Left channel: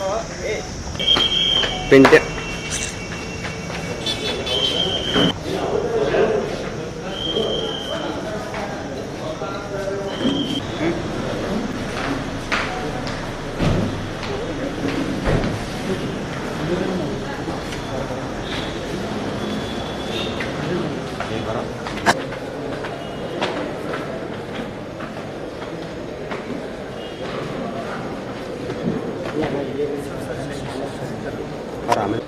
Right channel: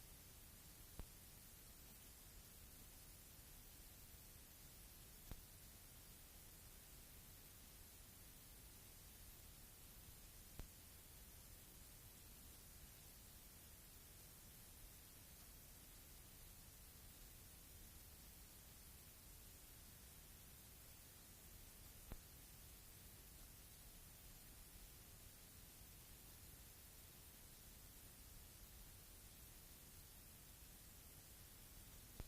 ಒಂದು- ಪಿಂಟೆ ಆಮೇಲೆ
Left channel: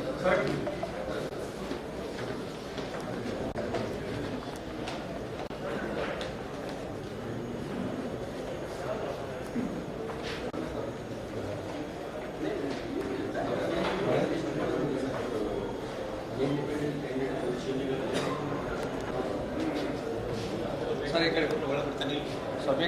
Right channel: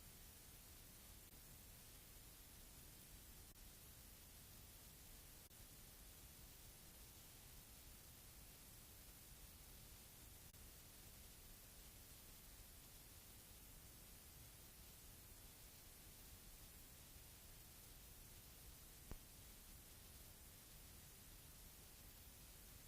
ಸರ್ ಈ ಕಡೆ ಒಳಗೆ ಬರ್ತಾನೆ ಸ್ವಲ್ಪ ಈ ಕಡೆ ಬನ್ನಿ.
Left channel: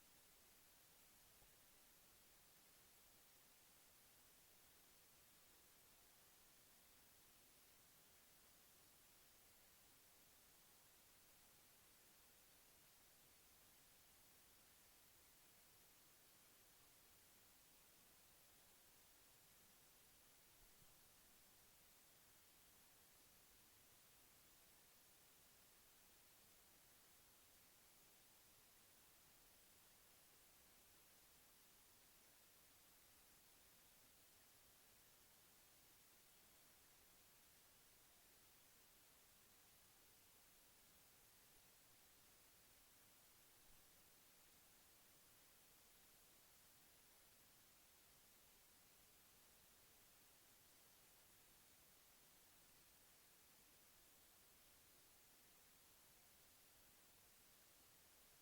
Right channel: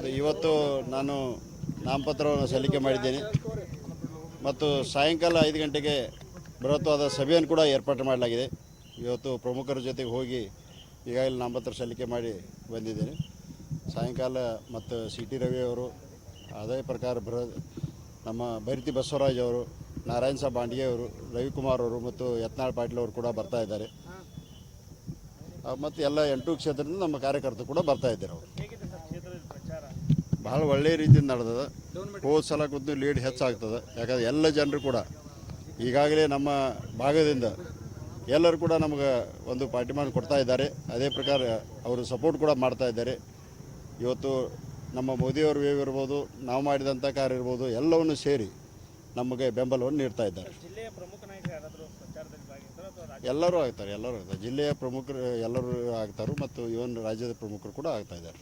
ಹೌದು, ಇವತ್ತು ನಾನು ನಾಮಪತ್ರವನ್ನು ಸಲ್ಲಿಕೆ ಮಾಡಿದ್ದೇನೆ. ಮತ್ತು ಸಾಯಂಕಾಲ ಐದು ಗಂಟೆಗೆ ಬೃಹತ್ವಾದ ಸಭೆಯನ್ನು ಕೂಡ ಏರ್ಪಾಟು ಮಾಡಲಾಗಿದೆ. ಇವತ್ತು ಪ್ರಮುಖರ ಜೊತೆಗೆ ಹೋಗಿ ಈಗಾಗಲೇ ನಾಮಪತ್ರ ಸಲ್ಲಿಕೆ ಮಾಡಿ ಬಂದಿದ್ದೇನೆ. ಸಾಯಂಕಾಲ ಮತ್ತು ಸಿ ಟಿ ರವಿ ಅವರು, ಅದೇ ಪ್ರಕಾರ ಬೃಹ ನಮ್ಮ ಭೈರತಿ ಬಸವರಾಜ್ ಅವರು, ನಾರಾಯಣ ಸಾಬ್ ಬಾಂಡಿಗೆ ಅವರು, ರವಿಕುಮಾರ್ ಅವರು ಮತ್ತು ಯತ್ನಾಳ್ ಪಾಟೀಲ್ ಅವರು ಕೂಡ ಬರ್ತಾ ಇದ್ದಾರೆ. ಮತ್ತು ಎಲ್ಲ ಎಂಟು ಕ್ಷೇತ್ರದಿಂದ ನಮ್ಮ ಕಾರ್ಯಕರ್ತರು ಕೂಡ ಬರ್ತಾ ಇದ್ದಾರೆ ಅವರು. ಭಾಳ ಒಳ್ಳೆಯ ರೀತಿಯಿಂದ ನಡೆದದ. ಹೋದ ಸಲ ಕೂತು ಲೀಡ್ ಹೆಚ್ಚಾಗ್ತದೆ. ಯಾಕಂದ್ರೆ ಎಲ್ಲ ಜನರು ಕೂಡ ಈಗಾಗಲೇ ನಮ್ಮ ಭಾಗದಿಂದ ಎಲ್ಲರೂ ಕೂಡ ನಮಗೆ ಒಂದು ಪಾರ್ಟಿಮಾನ್ ಕೊಡ್ತಾ ಇದ್ದಾರೆ. ಅದೇ ಪ್ರಕಾರ ಅವರು ಸಪೋರ್ಟ್ ಕೂಡ ಮಾಡ್ತಾ ಇದ್ದಾರೆ. ಇವತ್ತು ನಮ್ಮ ಮೋದಿಯವರು ವೇವ್ ಇರ್ಬೋದು, ನಾವು ಮಾಡಿದಂಥ ಕಾರ್ಯ ಇರ್ಬೋದು, ಎಲ್ಲವನ್ನು ಸೇರಿ ನಮಗೆ ಬೆಂಬಲವನ್ನು ನೀಡ್ತಾ ಇದ್ದಾರೆ. ಎಲ್ಲರೂ ಆಗ್ತಾರೆ ಎಲ್ಲರೂ ಆಗ್ತಾರೆ. ಜಿಲ್ಲೆಯ ಪ್ರಮುಖರು ಎಲ್ಲರೂ ಆಗ್ತಾರೆ ಮತ್ತು ಇವನ್ ರಾಜ್ಯದ ಪ್ರಮುಖರು ಕೂಡ ಆಗ್ತಾ ಇದ್ದಾರೆ.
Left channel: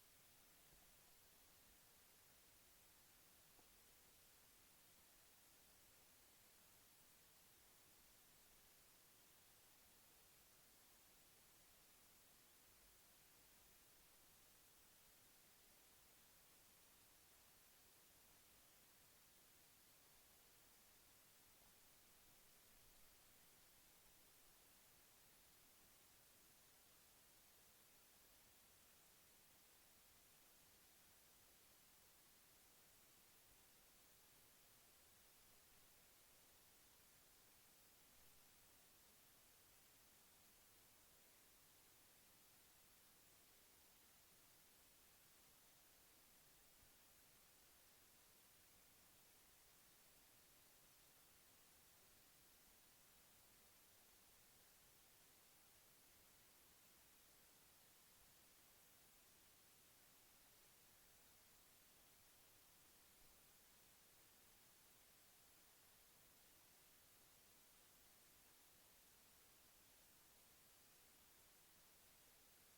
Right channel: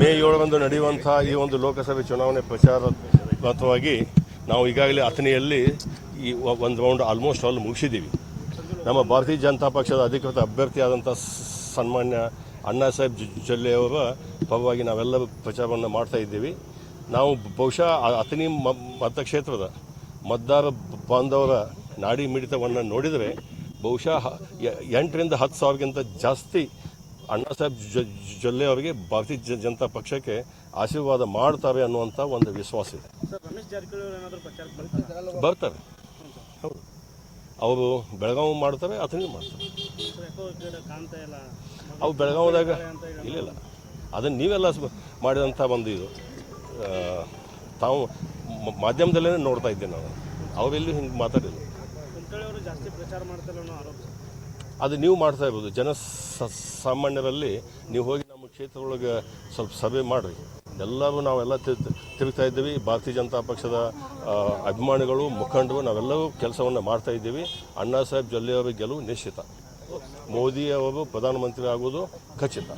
ಮೇ ಏಳರಂದು ನಡೆಯುವಂಥ ಈ ಒಂದು ಲೋಕಸಭೆ ಚುನಾವಣೆ ಪ್ರಚಾರಾತ್ಮಕವಾಗಿ ನಾವು ಈಗಾಗಲೇ ಅಥಣಿಯಲ್ಲಿ ಈ ಒಂದು ರೌಂಡ್ ಆಲ್ಮೋಸ್ಟ್ ಆಲ್ ಮುಗಿಸಿದ್ದೀವಿ. ನಮ್ಮ ಭಾರತೀಯ ಜನತಾ ಪಕ್ಷದ ಅಧಿಕೃತ ಅಭ್ಯರ್ಥಿಯಾದಂಥ ಸನ್ಮಾನ್ಯ ಅಣ್ಣಾ ಸಾಹೇಬ್ ಜೊಲ್ಲೆಯವರ ಪರವಾಗಿ ನಾವೆಲ್ಲ ಪ್ರಚಾರವನ್ನು ಮಾಡ್ತಾ ಇದ್ದೀವಿ. ನಾವು ಬಹುಶಃ ಅಥಣಿ ಮತಕ್ಷೇತ್ರದ ಮತದಾರ ಬಾಂಧವರ ನಾಡಿ ಮಿಡಿತವನ್ನು ನೋಡಿದರೆ ಬಹುಶಃ ಎಂಟರಿಂದ ಹತ್ತು ಸಾವಿರಕ್ಕಿಂತ ಜಾಸ್ತಿ ಅಣ್ಣಾ ಸಾಹೇಬ್ ಜೊಲ್ಲೆ ಅವರಿಗೆ ಭಾರತೀಯ ಜನತಾ ಪಕ್ಷಕ್ಕೆ ಆಶೀರ್ವಾದ ಮಾಡ್ತಾರೆ ಅನ್ನುವಂಥ ಒಂದು ವಿಶ್ವಾಸ ಇದೆ. ಬರ್ತಾರೆ. ಹೌದು. ಅವರು ಬೆಳಗಾವಿ ಮಾಡ್ತಾರೆ, ಅಥಣಿ ಮಾಡ್ತಾರೆ. ಅವು ಬೆಳಗಾವಿದಾಗ ಇಲ್ಲ ಇಲ್ಲ. ಅದನ್ನು ನೀವೆಲ್ಲ ಮಾಡಿದಂಥ ಒಂದು ಇದು. ತಾವು ಮಾಧ್ಯಮದಲ್ಲೇ ನೋಡ್ತಾ ಇದ್ದೇನೆ ನಾವು ಅವರೆಲ್ಲೂ ಹಿಂಗೆ ಮಾತಾಡಿಲ್ಲ ಅದು ನೀವು ಮಾಡ್ತಾ ಇರ್ಬೋದು. ಜನ ಸಾಮಾನ್ಯರಲ್ಲಿ ನೀವು ಹೋಗಿ ನಮ್ಮ ಕ್ಷೇತ್ರದೊಳಗೆ ಸ್ವಲ್ಪ ಸಭೆ ಮಾಡಿರಿ. ಎಲ್ಲರೂ ನಾವೆಲ್ಲ ತಿರುಗ್ತಾ ಇದ್ದೀವಿ. ಭಾರತೀಯ ಜನತಾ ಪಕ್ಷದ ಅಭಿಮಾನಿಗಳು, ಮುಖಂಡರು ನಾವೆಲ್ಲರೂ ಕೆಲಸವನ್ನು ಮಾಡ್ತಾ ಇದ್ದೀವಿ. ಅಣ್ಣಾ ಸಾಹೇಬ್ ಜೊಲ್ಲೆಯವರ ಗೆಲುವು ನಿಶ್ಚಿತ. ಮೋದಿ ಅವರು ಪ್ರಧಾನಮಂತ್ರಿ ಆಗುವುದು ಖಚಿತ.